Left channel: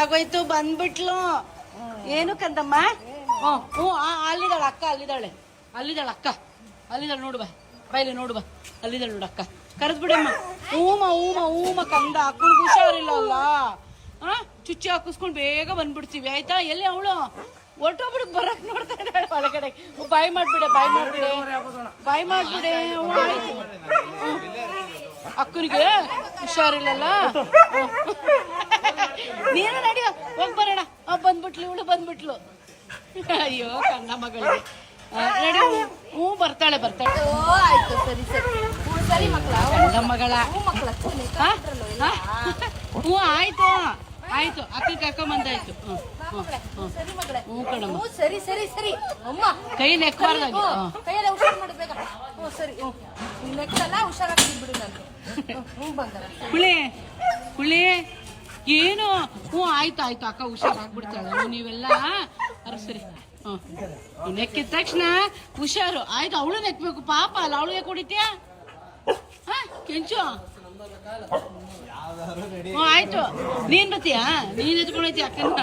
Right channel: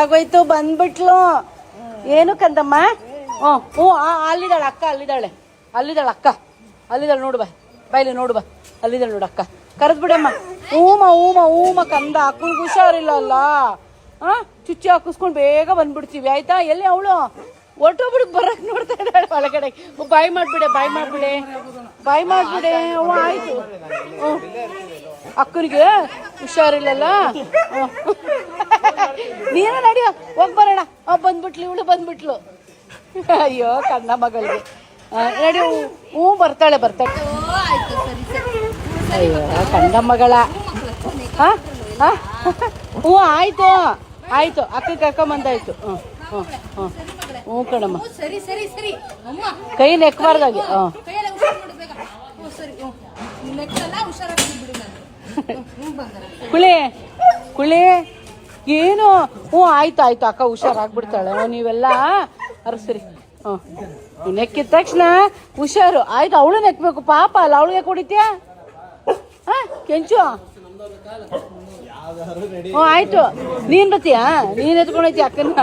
ಆಗೋಯ್ತು ಬಂದ್ಬಿಟ್ಲು. ಏನು ಕಂದಮ್ಮ? ಹ್ಞೂ ಅಲ್ಲಿದ್ದಾಳೆ ಅಕ್ಕ, ಅಲ್ಲಿದ್ದಾಳೆ ನೋಡು ಬಾಯ್ಲಿ ನೋಡು ಬಾ, ಅಲ್ಲಿದ್ದಾಳೆ ನೋಡು ಅಕ್ಕ, ಕರೆದ್ ಬಿಡಮ್ಮ. ಹೂಮ ಕಂದ, ಅಕ್ಕನಿಗೆ ಹುಷಾರಿಲ್ಲ ಅಲ್ಲ, ಚುಚ್ಚಿ ಹಾಕಿಸ್ಕೊಂಡು ಬೇಗ ಬಂದ್ಬಿಡ್ತೀವಿ ಆಯ್ತಾ? ಎಲ್ಲಿ ಅವಳು ಒಟ್ಟೊಬ್ರಿಗೆ ಬರಕ್ ನೋಡ್ತಾ ಇದ್ದಾಳೆ ಒಳಗಡೆ. ಬಾಯ್ ಮಾಡ್ಬಿಡೆ. ಆಯ್ತು, ಅಕ್ಕನಿಗೆ ಹುಷಾರಿಲ್ಲಲ್ಲ. ನೀನು ನಡಿಯೋ, ಹೋಗ್ ಬರೋಣ. ಇವಳು ಬಂದ್ಬಿಟ್ಲು. ಅಯ್ಯೋ ಕಣ್ಣ ಮಗಳಿಗೆ ನಡಿ. ಬರ್ತಾಳೆ. ಆಯ್ತು, ಸರಿ ಕಣ್ಣ ಮಗಳ. ಆಯ್ತು ಅಕ್ಕ ಕರ್ಕೊಂಬಂದಾಯ್ತು. ಹ್ಞೂ ಕಣಮ್ಮ, ಸರಿ ಅಮ್ಮ, ಕೈ ನೆಕ್ಬಾರ್ದಾಗಿ. ಕೈಯೆಲ್ಲ ಹುಷಾರ್ ಮಾಡ್ಬೇಕ. ಸರಿ, ನೆಕ್ಕಲ್ಲ, ಹುಷಾರಾಗಿ ಬಿಡು. ನಾನು ಕುಳಿ ಏನು? ಆಯ್ತು ಅಕ್ಕ ಹುಷಾರಾಗ್ಬಿಡ್ತಾಳೆ. ನೀವೆಲ್ಲ ಸರಿ. ನೆಕ್ಕಿದ ತಕ್ಷಣ ಹುಷಾರು ಆಯ್ತು. ಅವಳು ನೆಕ್ಬೇಕು ಪಾಪ ಅಲ್ಲ, ಅವಳಿಗೆ ಕುಡಿತೀಯ ಕೆಂಚು? ಆಯ್ತು, ನೀನ್ ಬತ್ತೀಯಾ? ನೀನ್ ಎತ್ಕೊಂಡೈತಿ ಅಕ್ಕನ.